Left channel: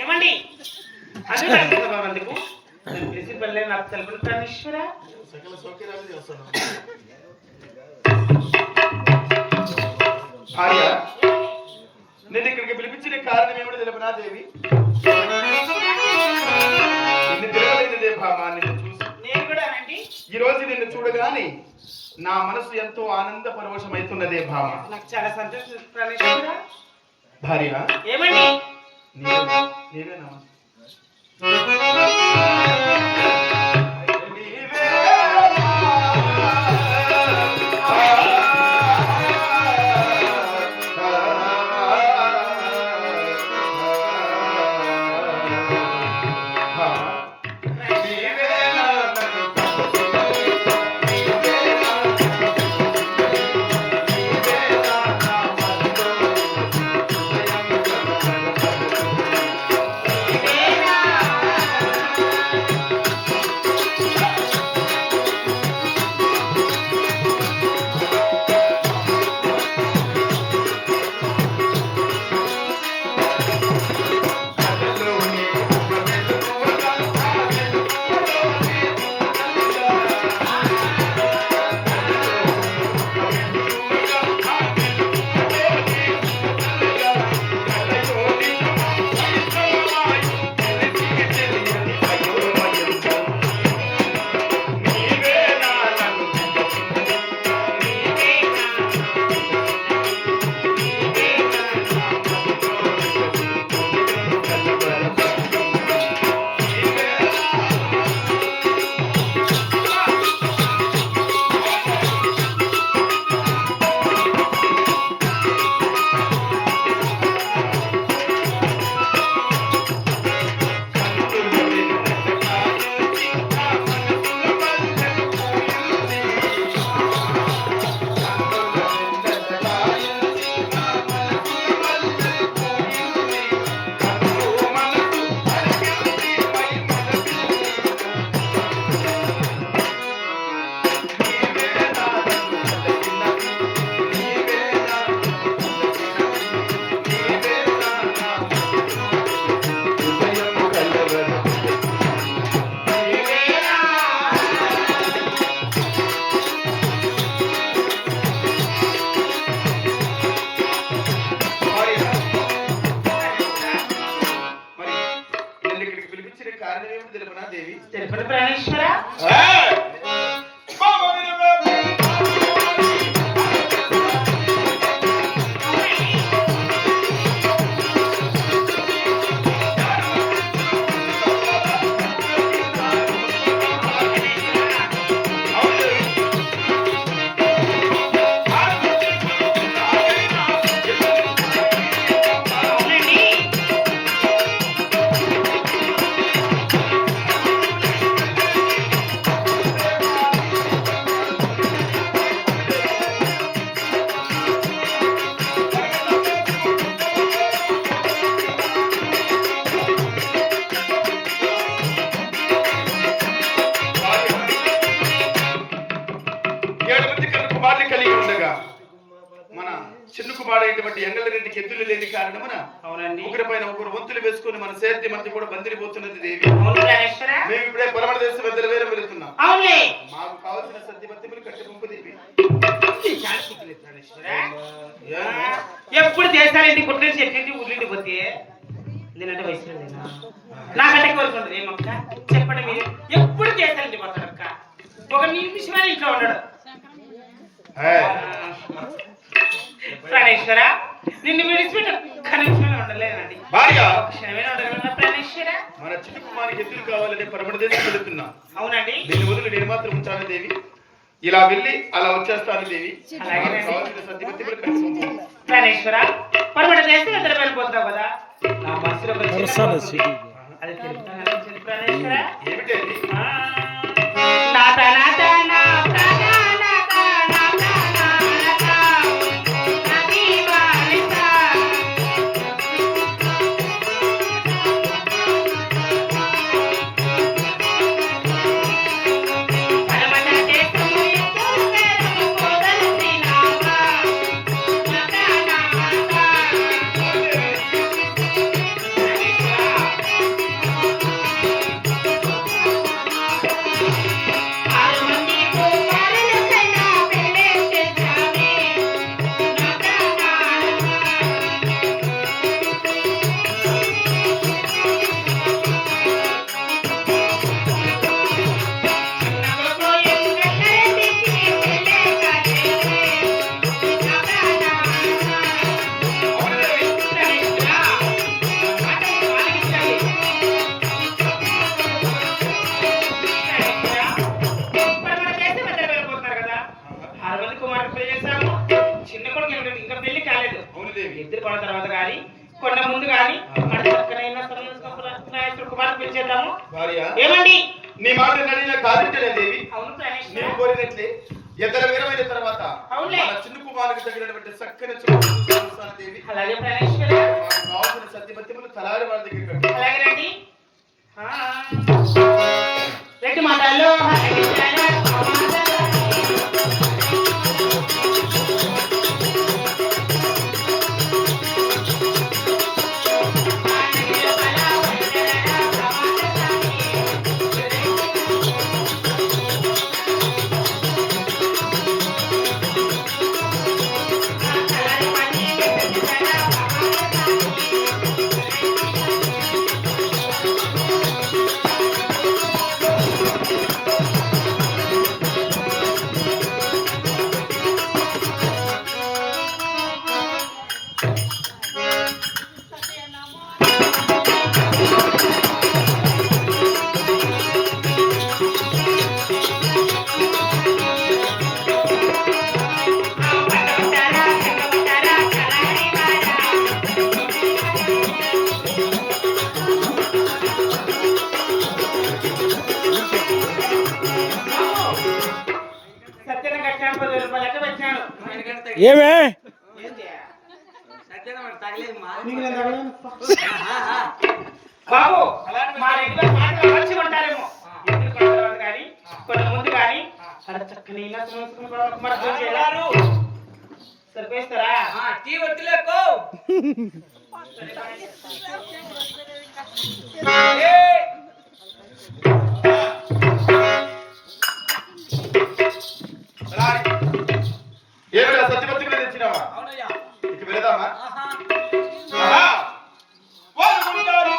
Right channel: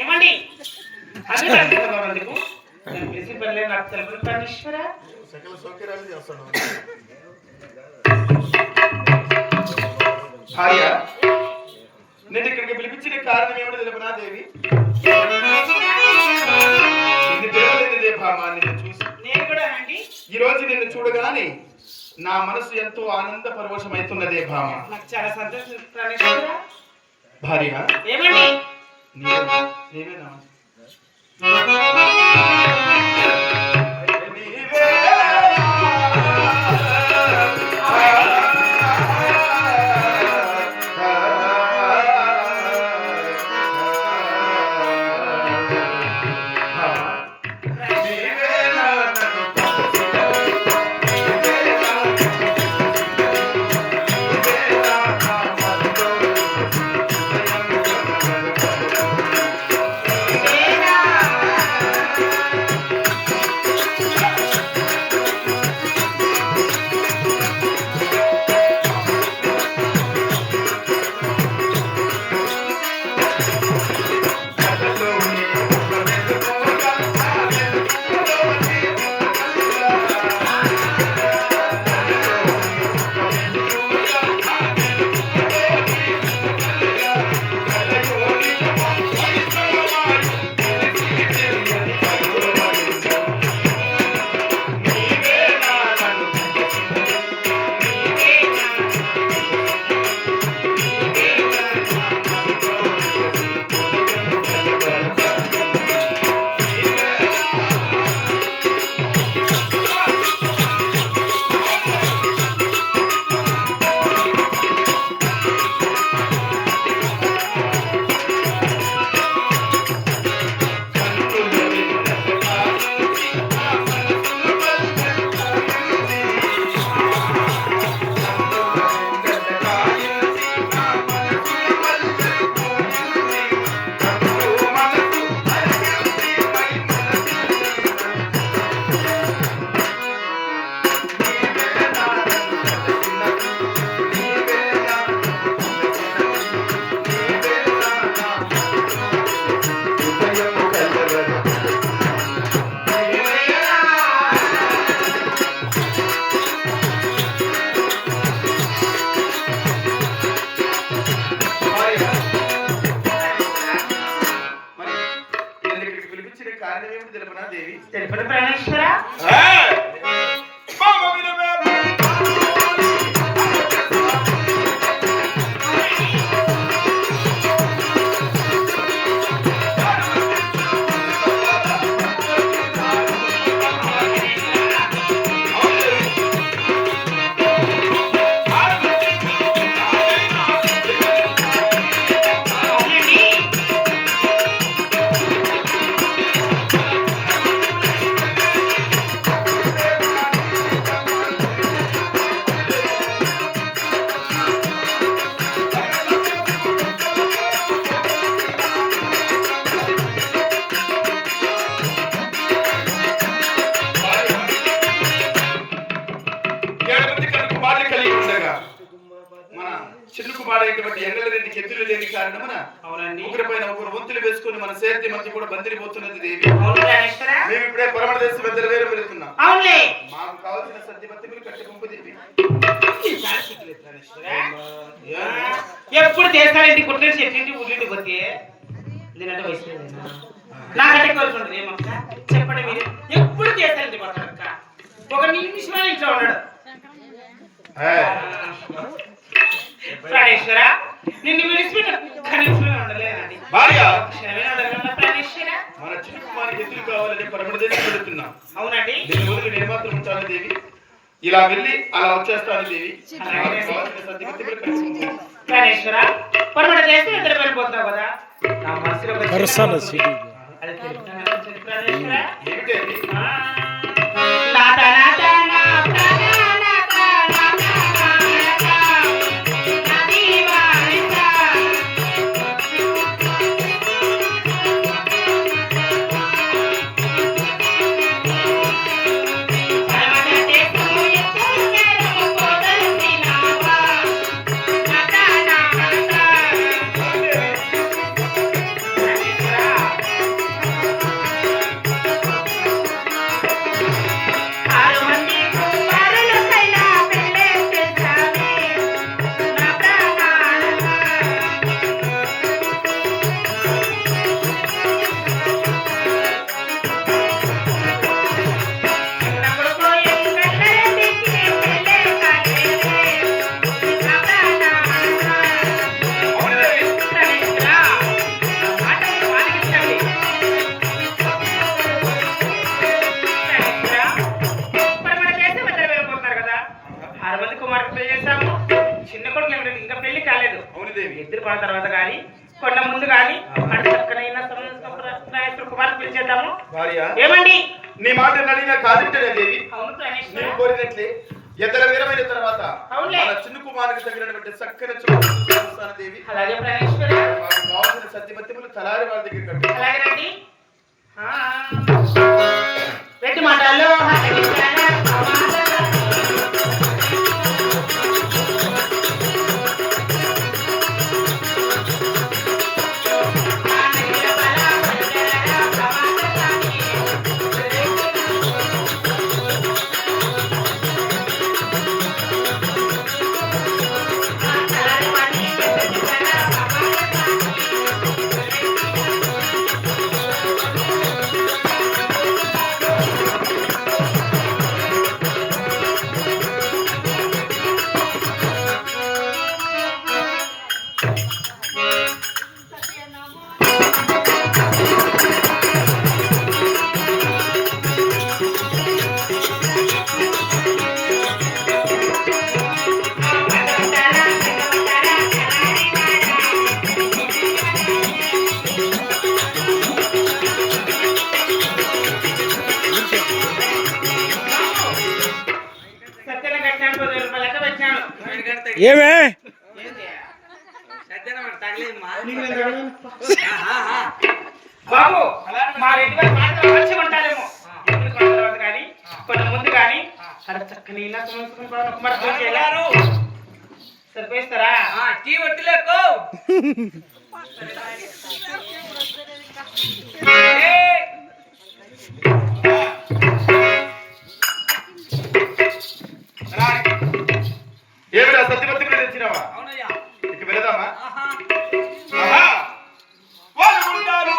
ఏమండి అది నాకు తెలుపు ప్రాణేశ్వర సకల సౌకర్యాలు చేస్తాను భార్య. నేను ఇక్కడికి పిలిపించిన కారణం ఏమిటో తెలుపునా దేవి? ఈ రోజు నిన్ను చూడగానే నా మనసు ఎంతో ఆనంద పరవశమైతున్నదే భామ. నాకు చాలా సంతోషం ప్రాణేశ్వర. భార్య ఏమండి నీవేనా? తెలుపండి ప్రాణేశ్వర. కుమారుడైనటువంటి ఎంగళరెడ్డికి ఎద్దులు లేని కారణమున ఒకరి పైన ఒకరు వంతులు వేసుకుని మన సేద్య మధ్య కూడా బందిరిపోతున్నది దేవి. మేము ఇప్పుడే పరమణ దేశ పెద్దల వేరే వెళుతున్నాం. మాకు కావాల్సిన సద్ది బతిమలు కట్టి పంపు దేవి. ఎప్పుడు చేస్తాను కుట్ర చెట్టు ఉల్లిండి పోతే నేనంటే వయసు నాకంటే కోరుకుంటుంది ఏమక్క చెప్పండి మీరు. ఎప్పుడు చేస్తానండి కొట్టక్క ఒక నిమిషమే ఇంట్లో ఉన్నాడు. ప్రాణేశ్వర నిన్ను విడిచిపెట్ట భార్య క్షణమే అడగగలనా ప్రాణేశ్వర? మన చిన్న కుమారునికి ఎదురు కావాలని పరమదేశం పెడుతున్నాం. అవునండి. దీని వదిలి నేను మాత్రం ఉంచాను దేవి. ఇలా వెళ్ళి అలా వచ్చేస్తాను దేవి. ప్రాణేశ్వర పరమడ దేశం ఇద్దరు వెళ్ళిపోతావు కదా, నా మనసులో ఒక అది తెలుసు ప్రాణేశ్వర. ఏమిటేమి? నాత నాత నా చిన్న కొడుకు ఇంకా పెళ్లి కాలేదు. ఎద్దురు పడిన తర్వాత కానీ కొండ ముందు కానీ కుమార్తె పిలిచేద్దాము. ఏమండి నీ మాట నడిగిన కాదంటేనే దేవి. అవును నేను కోరినట్లే ఎద్దల వీరమైన తర్వాత మన చిన్న కుమారునికి తగినటువంటి చక్కని చూస్తాను దేవి. అలాగే ప్రాణేశ్వర. కావాల్సిన సత్యపత్యములు తలారి వారి దగ్గర అలాగే రండి. రెడ్డి మాటల్లో ఏమే బాబు మా రెడ్డి గారు మాటలు మంచిగా ఉంటారేమో. కానీ కొంత ముందు కానీ చక్కని సరిపోయిస్తారా? టీ వట్టిలేకో ఏమిరా సత్యపత్తి కూడా తెచ్చినావా? ఇక వెళదామా? వాళ్ళు ఉంటారు.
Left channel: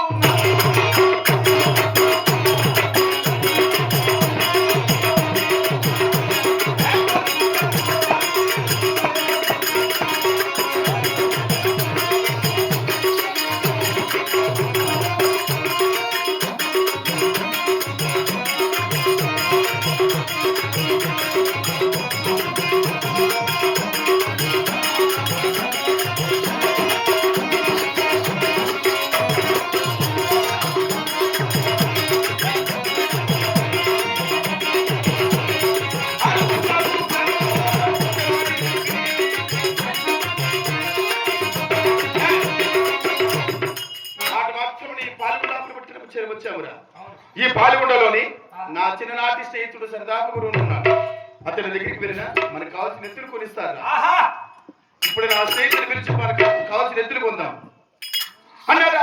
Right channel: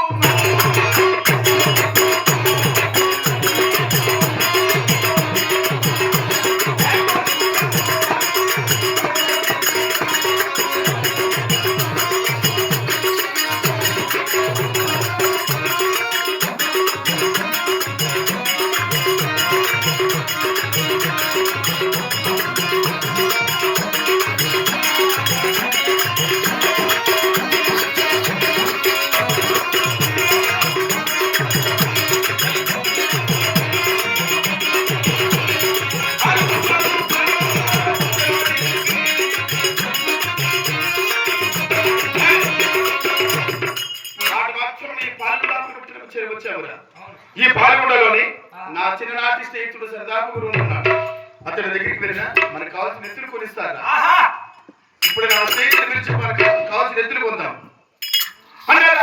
ఈ పాల్గొండలోని నా చిన్ననాటి స్నేహితుడు సరదాపు గురువు ఉన్నాడు. అతని దగ్గరికి వెళ్ళినా మనకు కావాల్సిన ఎత్తులు కొనిస్తారు. ఇప్పుడు నా స్నేహితుడు పిలిచి మనకు కావాల్సిన ఎత్తులు పొందాం అన్నాడు.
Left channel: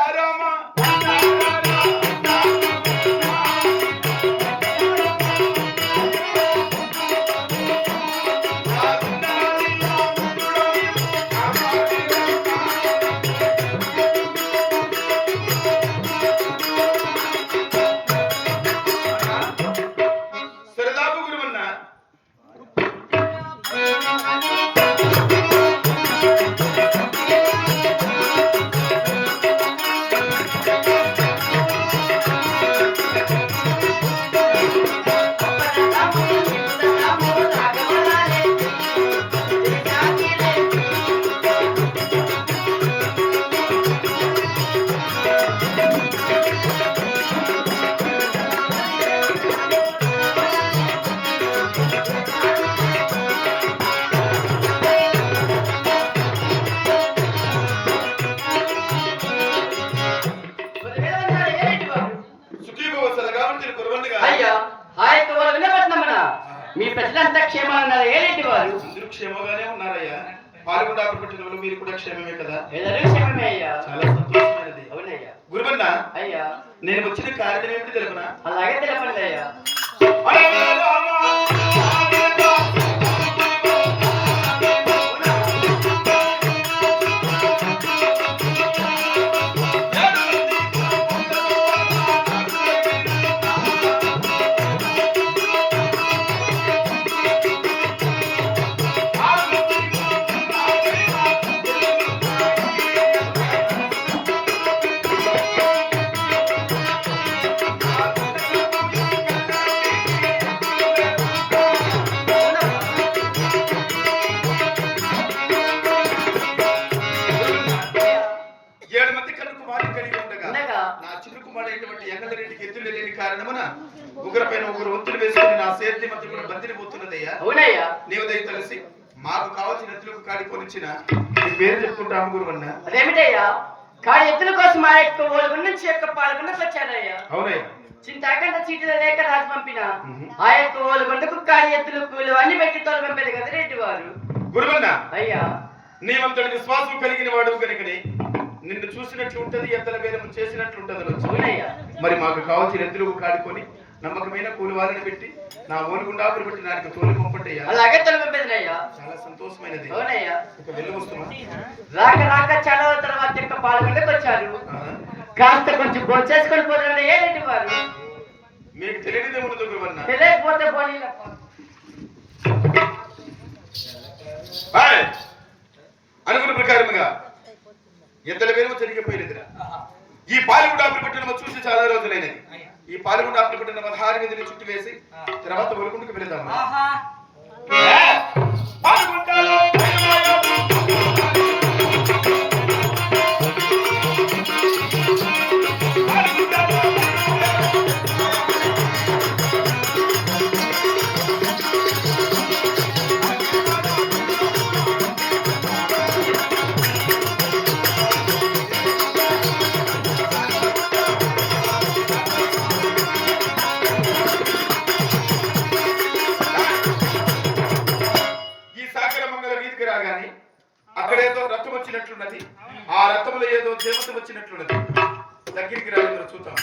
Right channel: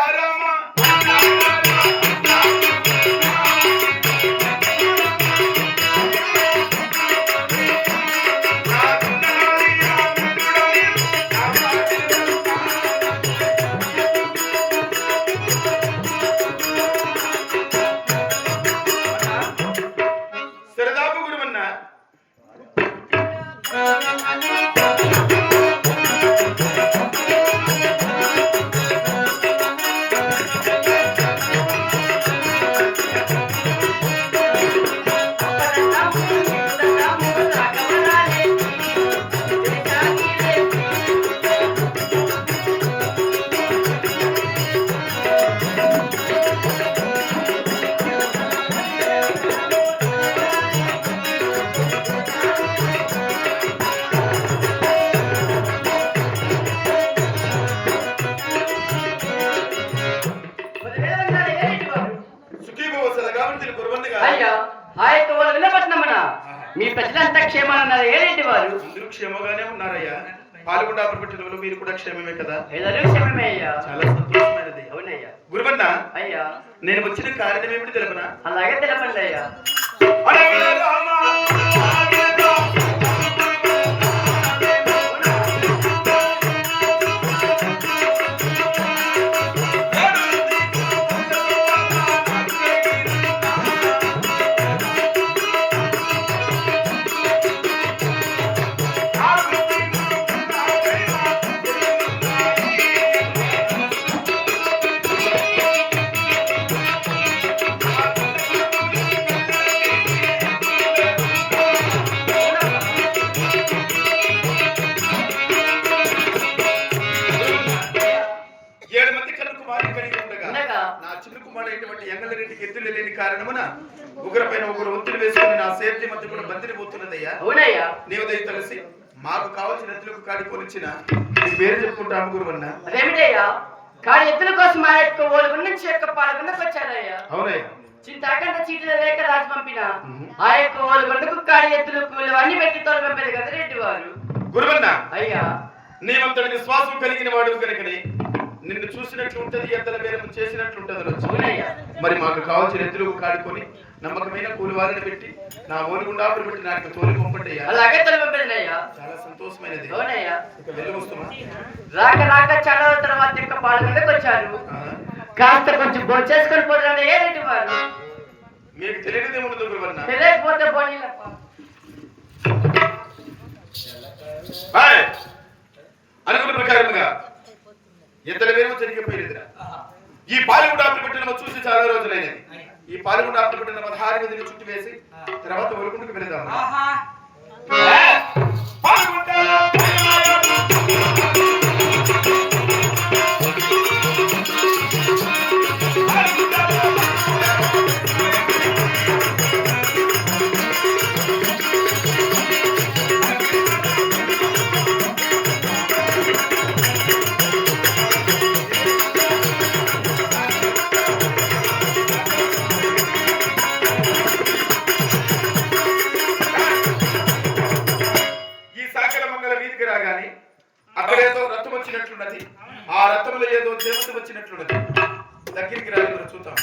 క్షేమాలు ఉన్నారు ఏంటి వారు? అందరూ క్షేమంగానే ఉన్నారయ్యా. పాల్గొండ పెట్టిన వాళ్ళు మీరు కూడా క్షేమమే కదా? ఎల్లరూ క్షేమమే అయ్యా. చాలా సంతోషమైనది. అవునయ్యా. గురువన్న అయ్యా, నేను వచ్చిన కారణం ఏమిటి తెలుపనా? అలాగే తెలపండి అయ్యా. ఎంగళరెడ్డికి ఎద్దులు లేని కారణమున ఒకరిపైన ఒకరు ఒత్తిడి వేసుకుని నా సేఫ్టీ మధ్య కూడా బందిరిపోతున్నదయ్యా. అవునయ్యా. నీవు దయ తెలిసి మాకు కావాల్సిన ఎద్దులకు కాడిపోనిచ్చిన నీ పేరు చెప్పుకుంటాము గురువన్న. అదేమిటయ్యా? కాడి ఎద్దుల కోసం మా యొక్క ఓలుగుండ నుంచి యొక్క పాల్గొండకు వచ్చారయ్యా. అవునయ్యా. చింతాకంట చీటీల లేక రాజు పంపిన ఆ యొక్క ఓలుగుండకు కాడి ఎద్దులు కూలి అన్ని పెట్టి తోలు పంపేది కదా రెడ్డి వారు. గురువన్న అయ్యా, నీవంతటి విశ్వాసం కలిగిన వాడు కనుకని నిన్ను చూసినట్లు ఉంటది, ఎద్దల వేలం చేసినట్లు ఉంటది. మరి మాకు కావాల్సిన ఎద్దులు కాడుకొని నమ్మకమైన కూలి వారిని పెట్టి నా ఓలుగుండా పెట్టి నాకు తోలి పంపండి. అలాగే తోలి పంపేదినయ్యా. చాలా సంతోషమైనది. అవునయ్యా. ఇక వెళ్ళి వస్తున్నా. రాక రాక చాలా తర్వాత యొక్క పాల్గొండకు వచ్చారు. కాస్త కొంచెం భోంచేసుకొని పోతున్నా ఏంటి వారు? మీకు తెలియనిదే ఉండదు గురువన్న. తెలియకపోతే పోనీ అనుకున్న ప్రకారముగా ఎద్దల వేరు జరిగిపోయినదిరా. ఈ పాలగుండ పెట్టిన చూసి చాలా రోజులైనది. ఈ పాలగుండ పెట్టిన 16 గదిని చుట్టి వేసి తర్వాత ఒలుగుండకు వెళదాం. అక్కడేదో రథం వచ్చినట్లున్నది. ఆ రథంలో ఏదో దేవత వచ్చినట్లున్నది. దగ్గరికి రాలి మనం చూద్దాం.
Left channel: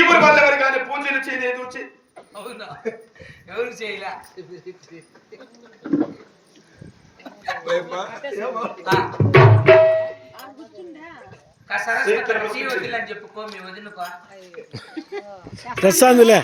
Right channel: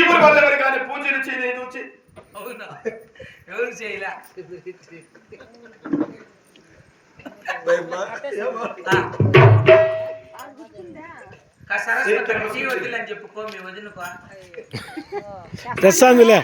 ఇప్పుడు వాళ్ళెవరు కానీ పూజలు చేయలేదు. అవునా? ఎవరు చేయలే. వదిలని చెప్పుకో మీ వదినకో తెచ్చాందులే.